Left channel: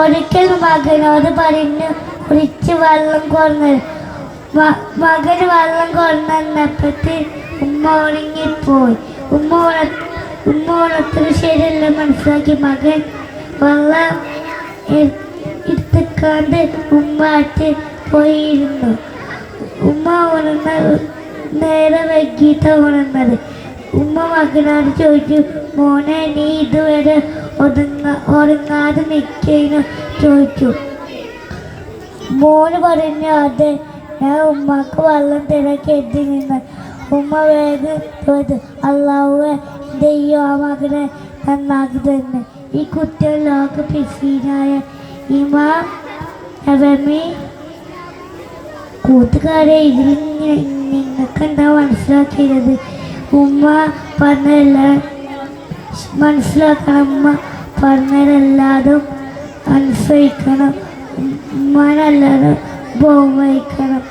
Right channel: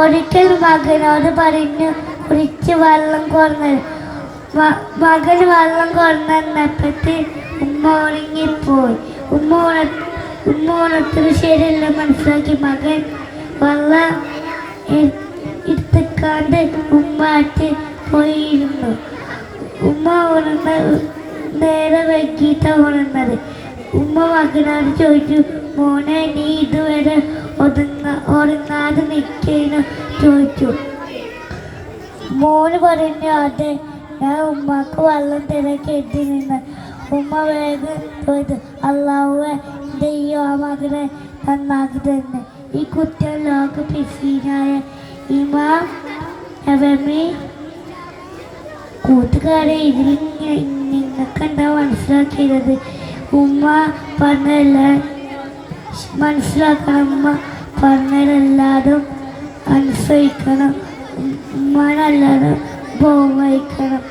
ഒരിക്കൽ മകനോട് പറഞ്ഞു കുടിച്ച് വെള്ളം കൊണ്ടു. മകൻ വെള്ളം കൊണ്ടുവന്നപ്പോഴത്തെ ഉമ്മ ഉണങ്ങിപ്പോയി. ഉമ്മ ഉണർത്തത് ശരിയല്ല മനസ്സിലാക്കി മകൻ വെള്ളം എടുത്തുക്കാണ്ട് ഉമ്മാറ്റ് പോയിരുന്നു. ഉമ്മ നേരെ വൈകിട്ടാണ് ഉണർന്നത്. ഉമ്മ മകനോട് ചോദിച്ചു, മോനെ നീ ഇതുവരെ ഉറങ്ങാതെ നിൽക്കുന്നു ചോദിച്ചു. മോന് പറഞ്ഞു, അതെ ഞാൻ ഉമ്മക്ക് വെള്ളം തിരക്കി എത്തി നിന്ന്. ഉമ്മ വേഗം ചോദിച്ചു, അള്ളാഹുവേ ദൈവം ആ മകനെ നന്നാക്കി തന്നെ. ഈ കുട്ടികൾ ലോക പ്രസിദ്ധനായ ഇമാം നബവി കൂട്ടുകാരെ ഇതിൽ നിങ്ങൾക്ക് എന്താ മനസ്സിലാക്കിയത്? ഉമ്മ പറഞ്ഞതല്ല മനസ്സിലാക്കണം. ഉമ്മ പറഞ്ഞതെല്ലാതും അനുസരിക്കണം. ഉമ്മനല്ലാതെ ബഹുമാനിക്കണം.